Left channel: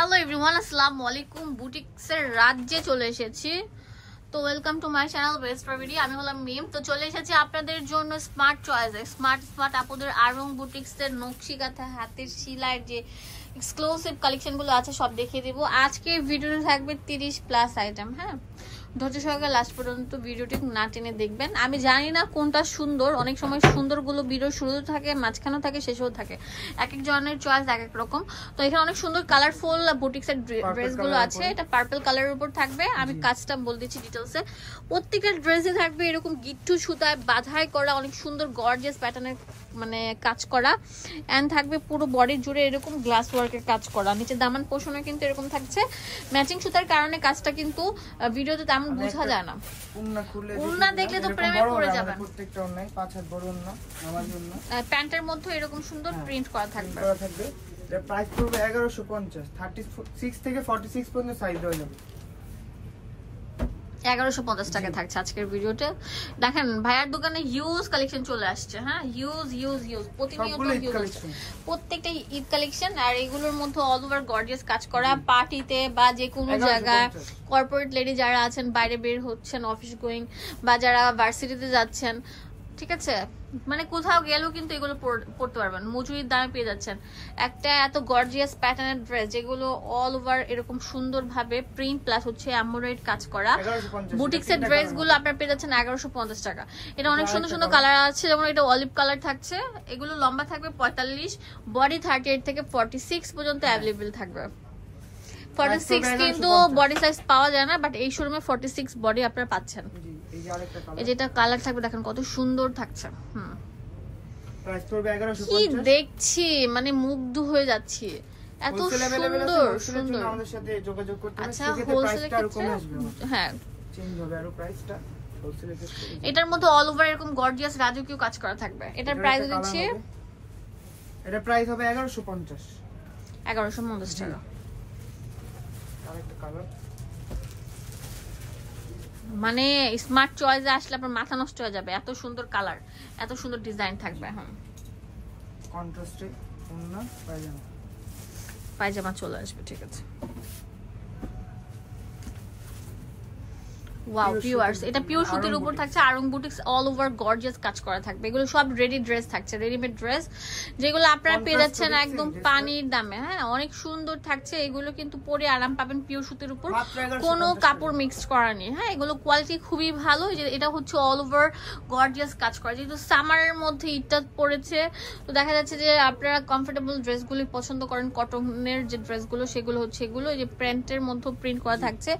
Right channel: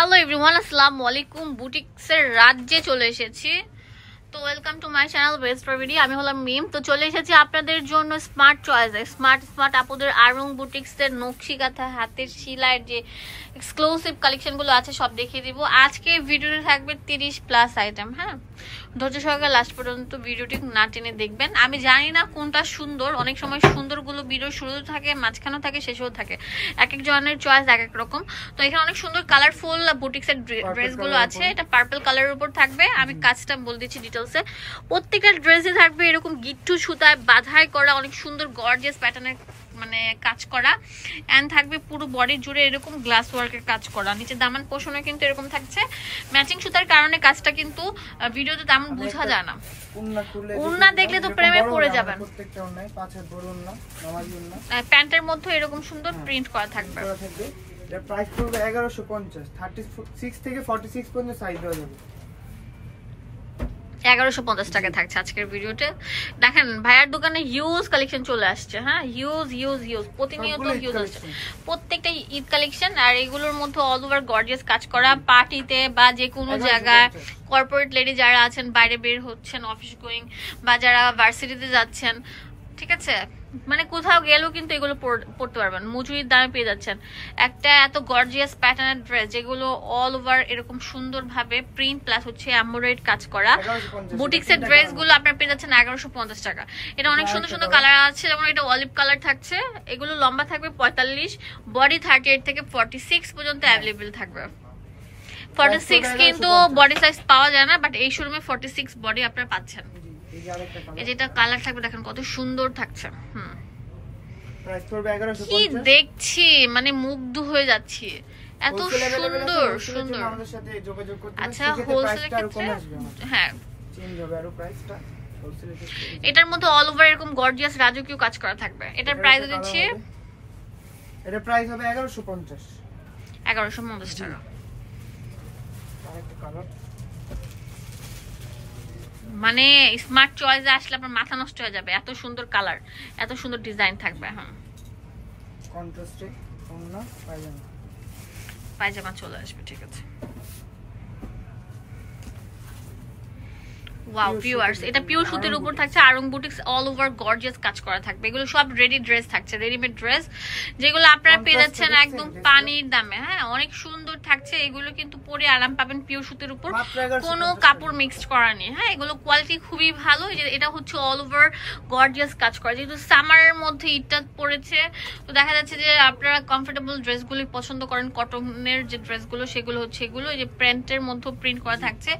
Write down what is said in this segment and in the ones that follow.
Hello everyone, আসসালামু আলাইকুম। বুটিক্সের রাজ্যে চলে এসেছি। তো welcome to my channel best প্রভিডি। আমি হলাম মিম। তো চলে এসেছি আপনাদের জন্য স্মার্ট চয়েসে, স্মার্ট আপুদের আরং বুটিক্সের নকশি কাঁথা হাতের সেলাইয়ের যে এক্সক্লুসিভ কালেকশনগুলো আছে সব দেখিয়ে দিব। আজকে ভিডিওতে থাকবে 30+ আইটেম। হ্যাঁ, ধৈর্য সহকারে লাস্ট পর্যন্ত ভিডিওটি না টেনে দেখবেন। আমি জানি না কোনটা সুন্দর, অনেক সময় সুন্দরগুলো ভিডিও শুরুতে থাকে, মাঝখানেও থাকে, শেষেও থাকে। এক এক জনের চয়েস এক এক রকম। তো এখানে অনেক সুন্দর কালারফুল বুটিক্সের ড্রেসগুলো আছে। এটা পার্পল কালারের উপর থাকবে। আমি কাজটা বল দিচ্ছি ডিটেলসে। প্রত্যেকটা ড্রেসে থাকবে এরকম গিট্টু সুতায় বাধাই করা অনেক সুন্দর গর্জিয়াস প্যাটার্নের মানে কাজ করা, এন্ড থাকবে পুরো বডি জুড়ে এরকম গ্লাস ওয়ার্কের কাজ করা। নিচে দামান পোষণে কিন্তু এরকম থাকছে ম্যাচিং সুতার কারণে কাজটা কিন্তু ভিডিওতে তেমন বোঝা যায় না। ওন্না দেখলে তো প্রেমে পড়ে যাবেন। প্রত্যেকটা ওন্নায় 5 হাত বড় ওন্না, নামাজি ওন্না। প্যান্টের মধ্যে এরকম সুন্দর প্রিন্ট করা থাকবে। এর প্রাইস পড়বে 1150। 36 থেকে 46 পর্যন্ত সাইজ দেওয়া যাবে। 1150 টাকা থাকছে আজকের ভিডিওতে। দেখেন ভাইয়ার দোকানে হিউজ কালেকশন চলে আসছে। হ্যাঁ, হিউজ প্রতিনিয়ত হিউজ আসছে প্রত্যেকটা ঈদ কালেকশন। আর এগুলোর মধ্যে অল ওভার গর্জিয়াস কাজ করা, পার্টিতে বা যে কোনো জায়গায় কর্পোরেট লেডি যারা আছেন, বাইরে বের হচ্ছেন, অফিস গোয়িং বা যারা ভার্সিটিতে যাচ্ছেন, ঠিক আছে, মানে কোথাও গেলেও কিন্তু এগুলো পড়তে পারবেন, মজুরির দামে পেয়ে যাচ্ছেন। একটা এত গর্জিয়াস প্যাটার্নের ড্রেস যেগুলো অল ওভার এরকম সুন্দর ভাবে প্রিন্ট প্লাস হচ্ছে এমব্রয়ডারি কাজ করা বুটিক্সের ড্রেস গুলো আপনারা পেয়ে যাচ্ছেন 1150 টাকা। এটা অনেক সুন্দর সুন্দর কালার আছে, যেমন এটা অলিভ কালার থাকছে। এগুলো লম্বা থাকবে 45, বডি 38 থেকে 46 পর্যন্ত অ্যাভেলেবেল থাকবে। 46 কিন্তু বডি সাইজ পাওয়া যায় না, বাট এই শোরুমে 46 বডি আপনারা পাচ্ছেন। এই যেটা কালার থাকবে দেখেন কত সুন্দর থাকছে। প্রাইস পড়বে 1150। কি দেখছি মানে মুগ্ধ হয়ে যাচ্ছি, এত সুন্দর সুন্দর। আমাদের সাথে যোগাযোগ করতে হবে। আচ্ছা, হোলসেলের ক্ষেত্রে হ্যাঁ চেঞ্জ হবে আরো প্রাইসটা হোলসেলের ক্ষেত্রে। এটার মধ্যে অল ওভার এরকম গর্জিয়াস রাজকীয় কাজ করা থাকবে। এটার প্রাইস দিচ্ছি, এটা প্রাইস হবে 1150 টাকা। আরেকটা কালার মানে স্মার্ট চয়েসে আসলে আপনার মাথা নষ্ট হয়ে যাবে, এত সুন্দর কালার, এত সুন্দর ডিজাইন থাকবে। হ্যাঁ, কন্ট্রাস্টে ওন্না পায়জামা চলে আসবে, ঠিক আছে। ওয়াও ভিউয়ার্স, এটা পিওর সুতির উপর থাকছে। Aarong boutiques all over gorgeous কাজ করা থাকবে। এগুলো সব রেডি ড্রেস থাকছে, রেডিমেড ড্রেস, যেগুলো আপনারা পেয়ে যাচ্ছেন একদম পানির দামে। হ্যাঁ, অনেক সুন্দর থাকছে। এগুলো কিন্তু পরে আরাম পাবেন পিওর সুতির উপর, কোনো কাপড় মিক্সড করা নেই। হ্যাঁ, এগুলো কোয়ালিটি খুবই ভালো। এটা হচ্ছে অল ওভার গর্জিয়াস কাজ করা। যেহেতু সামারের মধ্যে ঈদটা পড়েছে, তো দেখা যাচ্ছে যে আপনারা কমফোর্টেবল ড্রেসগুলি পছন্দ করেন। কটনের যে ড্রেসগুলো সেগুলো হচ্ছে এগুলো, এই যে প্যান্টের মধ্যে প্রিন্ট করা থাকছে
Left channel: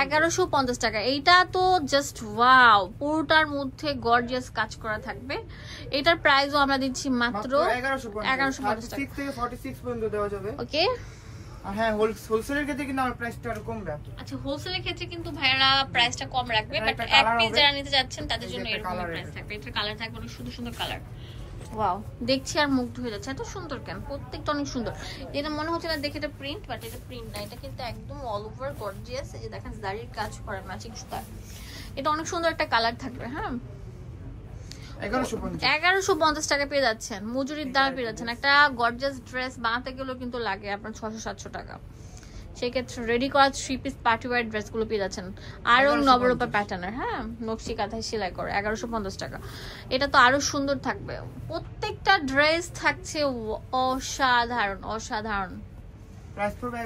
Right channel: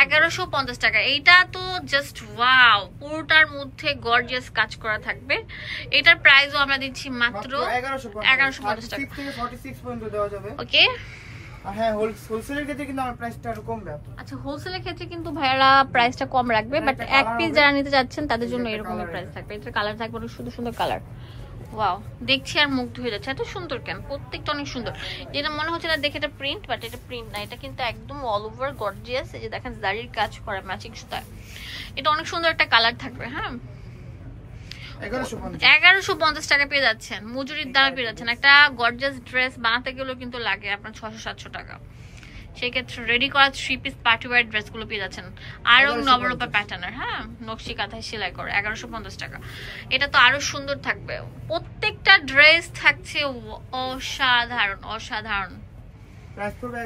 1150 টাকা। এইটা তো জাস্ট ওয়াও, পুরোটার মধ্যে গর্জিয়াস কাজ করা থাকবে। এটার প্রাইসও আমরা দিচ্ছি মাত্র 1150 টাকা। 36 থেকে 46 পর্যন্ত দেওয়া যাবে। ওকে, আর হ্যাঁ, হোলসেলের ক্ষেত্রে কিন্তু আমার প্রাইসটা আরো কমবে। আচ্ছা, হোলসেলের ক্ষেত্রে কিন্তু ভাইয়ারা প্রাইসটা কম রাখবে, বাট এক পিস যারা নিতে যাচ্ছেন তাদের জন্য এরকম প্রাইস থাকবে। এটার কালার থাকবে অনেক সুন্দর সুন্দর কালার। ওয়াও, দেখছি আর মুগ্ধ হয়ে যাচ্ছে, এত সুন্দর কেন, প্রত্যেকটা অনেক সুন্দর। যেটা মনে হচ্ছে না দেখে এটা প্রিন্ট, বাট এটা প্রিন্ট না, এটা কিন্তু একদম অল ওভার গর্জিয়াস। এই যে দেখেন জারির কাজ করা ম্যাচিং সুতা, এটা অনেক সুন্দর একটা কালার থাকবে। হ্যাঁ, 1150 টাকা পেয়ে যাচ্ছেন, মজুরির দামে পেয়ে যাচ্ছেন। একটা গর্জিয়াস ড্রেস বানাতে গেলেও কিন্তু লাগে আপনার 600-700 টাকা। সেই ক্ষেত্রে রেডি করা 3 পিস পার্টি ওয়্যার ড্রেসগুলো পেয়ে যাচ্ছেন আরো নবরূপা প্যাটার্নের। হ্যাঁ, নকশি কাঁথায় সেলাই করে 1150 টাকা। এটা তো আরো সুন্দর থাকবে। প্রত্যেকটা ড্রেস থাকছে অসাধারণ। প্রাইস পড়বে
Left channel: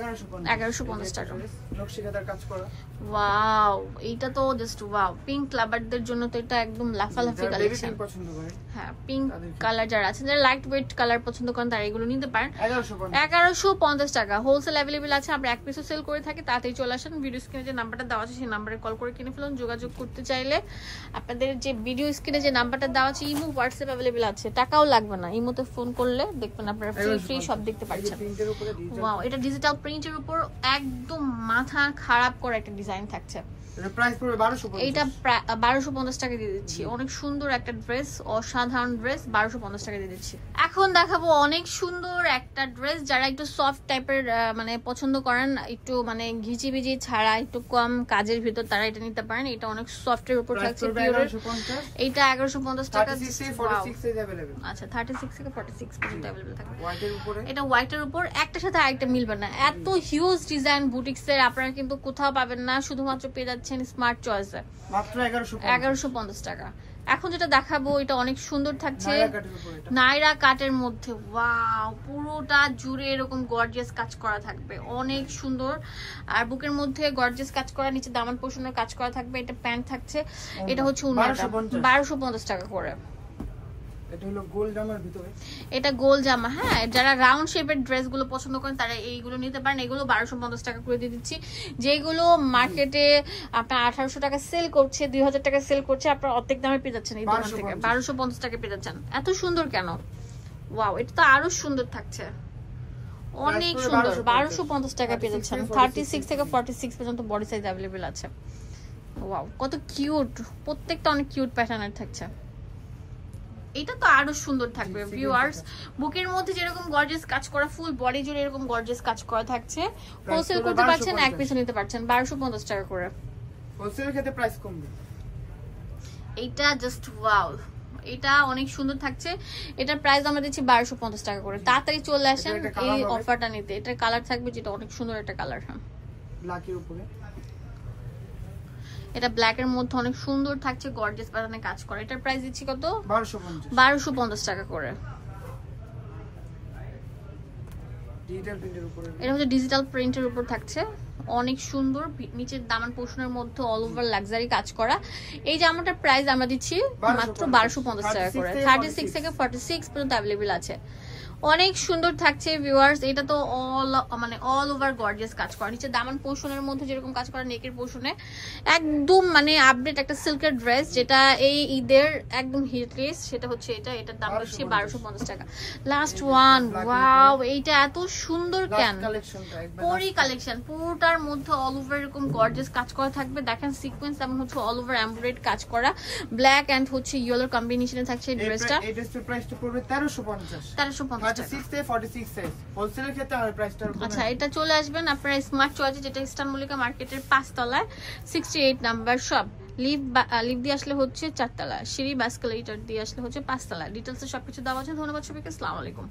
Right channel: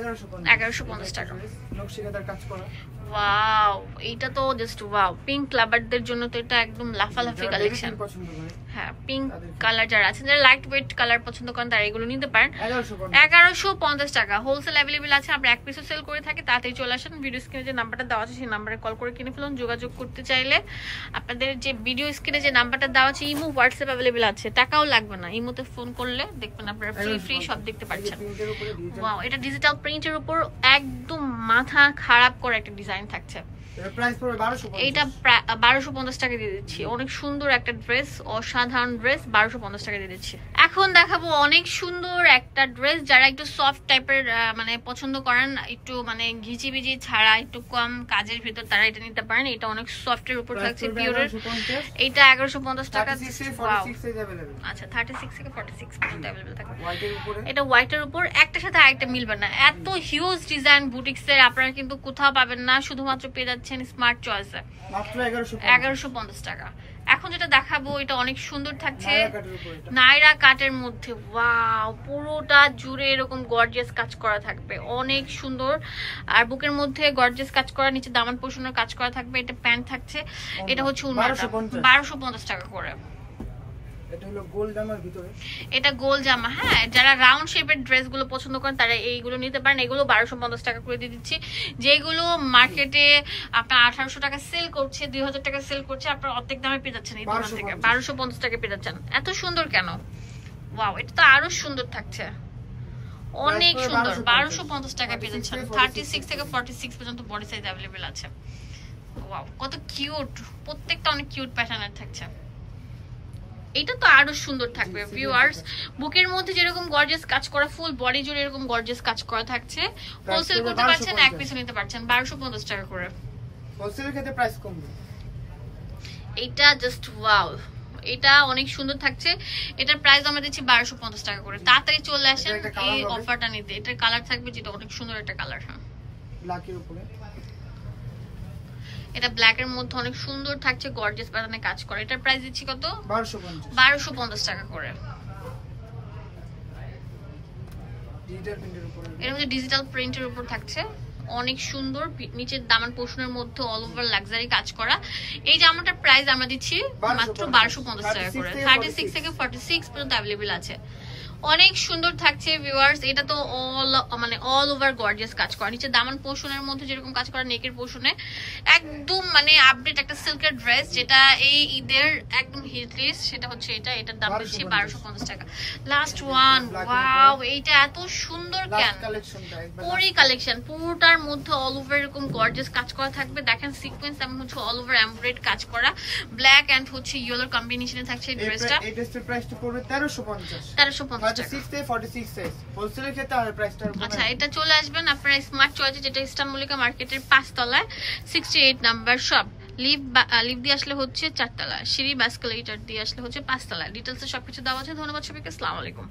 1150 টাকা। নকশি কাঁথার কাজ করা। ওয়াও, এইটা তো জাস্ট ওয়াও। পিঙ্ক লাভারদের জন্য তো এটা একদম লাফালাফি কালেকশন। হ্যাঁ, পিঙ্ক কালার যারা আছেন, যারা লাইট ওয়েট কালার পছন্দ করেন তারা এগুলো নিতে পারেন। 1150 টাকা হোলসেল অ্যাভেলেবেল আছে। আমরা এক পিসও সেল করে থাকি, তাড়াতাড়ি চলে আসেন। ভিডিও স্ক্রিনে যে নাম্বারটা দেওয়া আছে সেই নাম্বারে কল করে কিনে ফেলুন। যোগাযোগ করতে চাইলে আপনাদের যে ভিডিও স্ক্রিনে যে নাম্বারটা দেওয়া আছে, ইমো হোয়াটসঅ্যাপ অ্যাভেলেবেল আছে, টাকাও লাগবে না। ইমোতে ফোন করলে দেখবেন আপনারা ফ্রি সব দেখতে পাচ্ছেন। ওয়াও, এটা ডিজিটাল প্রিন্টের উপর একদম মাথা খারাপ করে একটা ডিজাইন থাকছে। এইটা 1250 টাকা দিয়ে দিচ্ছি। অনেক সুন্দর একটা ড্রেস, অসাধারণ ড্রেস, 1250 টাকা দিয়ে দিচ্ছি। এখন দেখাবো অনেক সুন্দর একটা একটা ড্রেস, যারা একটু সফট টাইপের মানে পছন্দ করেন, একটু মানে ঘিচিবিজি ছাড়া একটু কম কাজের ভিতর, তারা এটা নিতে পারেন। এটা অনেক সফটের উপর থাকছে, পিওরের। এটা 1150 টাকা। আচ্ছা 36 থেকে 46 পর্যন্ত अवेलेबल থাকে। এটা হোয়াইটের উপর, একটার সাথে আরেকটা মিলবে না, এত হিউজ ডিজাইন বুটিক্সের আপনারা কিন্তু কোথাও পাবেন না, শুধুমাত্র পেয়ে যাচ্ছেন স্মার্ট চয়েসে মাত্র 1150 টাকা। এখন যেটা দেখাবো এটা অনেক সুন্দর থাকছে, নাইরা কাটের মধ্যে। ওয়াও, পুরোটা জুড়ে এরকম গর্জিয়াস কাজ করা থাকবে, অনেক সুন্দর। আর বুকের মধ্যে গর্জিয়াস কাজ করা, নিচে দামান পোষণের কাজ করা থাকবে। এটা প্যান্ট থাকছে, এটা হচ্ছে 1250 টাকা করে। এটা হলো গোল জামার ভিতরে, এটা গোল জামা। হ্যাঁ, যারা রাউন্ড শেপের ড্রেসগুলো পছন্দ করেন তারা এইগুলো নিতে পারেন। এগুলো 1250 টাকা করে দিয়ে দিচ্ছি। যেগুলো মার্কেটে আপনার 1800 টাকা সেল করছে, 2000 টাকা সেল করছে, আপনার অর্ধেক দামে পেয়ে যাচ্ছেন এই দোকান থেকে। 1250 টাকা পেয়ে যাচ্ছেন। এত সুন্দর কেন? ওয়াও, এটা তো আরো সুন্দর থাকছে, অনেক সুন্দর। 1250 টাকা পেয়ে যাচ্ছেন। 36 থেকে 46 পর্যন্ত বডি সাইজ অ্যাভেলেবেল আছে। ওয়াও, কত কিউট, প্রত্যেকটা অনেক কিউট প্যাটার্নের থাকছে। এটা তো আরো সুন্দর থাকবে ভিউয়ার্স। বুকের মধ্যে যেরকম গর্জিয়াস কাজ করা, ফুল বডি জুড়ে এরকম গর্জিয়াস কাজ করা থাকছে। হোলসেল করতে পারছেন, এক পিস নিতে পারছেন 1250 টাকা করে। হোলসেলের ক্ষেত্রে প্রাইস কমবে। এটা জাস্ট ওয়াও, এটা অনেক সুন্দর থাকছে। এটার প্রাইস আমরা দিচ্ছি 1250 টাকা করে। তাড়াতাড়ি চলে আসেন এই অফারটা নিতে। এটার কালার থাকবে যেটা অনেক সুন্দর একটা কালার। হ্যাঁ, ব্ল্যাকের উপরে, এটা ব্ল্যাক এর মধ্যে অনেক সুন্দর থাকছে, গর্জিয়াস প্যাটার্নে কাজ করে। এটার প্রাইস দিচ্ছি কত? 1250 টাকা করে। ডিজিটাল প্রিন্টের উপরে, এটা হচ্ছে ডিজিটাল প্রিন্টের উপর থাকছে, অনেক সুন্দর। নিচের দামান পোর্শনের মধ্যে অল ওভার লাক্সারি কাজ করা। এই জামাটার প্রাইস আমরা দিচ্ছি মাত্র 1250 টাকা করে। 36 থেকে 46 পর্যন্ত अवेलेबल আছে। অনেক সুন্দর থাকছে ভিউয়ার্স। এটা তো অল ওভার গর্জিয়াস কাজ করা, নিচে দামান পোর্শনের মধ্যে যেরকম কাজ করা, নেকের পোর্শনে একদম মানে আপডেট একটা সিল্কের ড্রেস, যেটা এই ঈদের একদম হিট লিস্ট। সেটা হচ্ছে এটা, এটার দাম হচ্ছে 1250 টাকা। লাস্ট ওয়ান, ওয়াও, এইটা এত সুন্দর কেন? পরি কালেকশন, পুরোটার মধ্যে অল ওভার এরকম গর্জিয়াস কাজ করা থাকবে। দেখেন সিকোয়েন্স এবং হচ্ছে অল ওভার এমব্রয়ডারি কাজ করা, ব্ল্যাক এন্ড হচ্ছে ইয়েলো কম্বিনেশনে থাকছে এই ড্রেসটা। এই ড্রেসটার প্রাইসটা পড়বে 1350 46 সাইজ। হোলসেলের ক্ষেত্রে আর প্রাইসটা। আচ্ছা, এটা চলে আসবেন আপনারা স্মার্ট চয়েসে, যেটা ইস্টার্ন মল্লিকা মার্কেটের 5 তলায় 68 নাম্বার শপ। লিভ দিয়ে আসলে হচ্ছে 4 তলা, সিঁড়ি বা এসকেলেটর দিয়ে আসলে হচ্ছে 5 তলা। ডিটেইলসে সবকিছু দেওয়া আছে। ধন্যবাদ সবাইকে, আসসালামু আলাইকুম।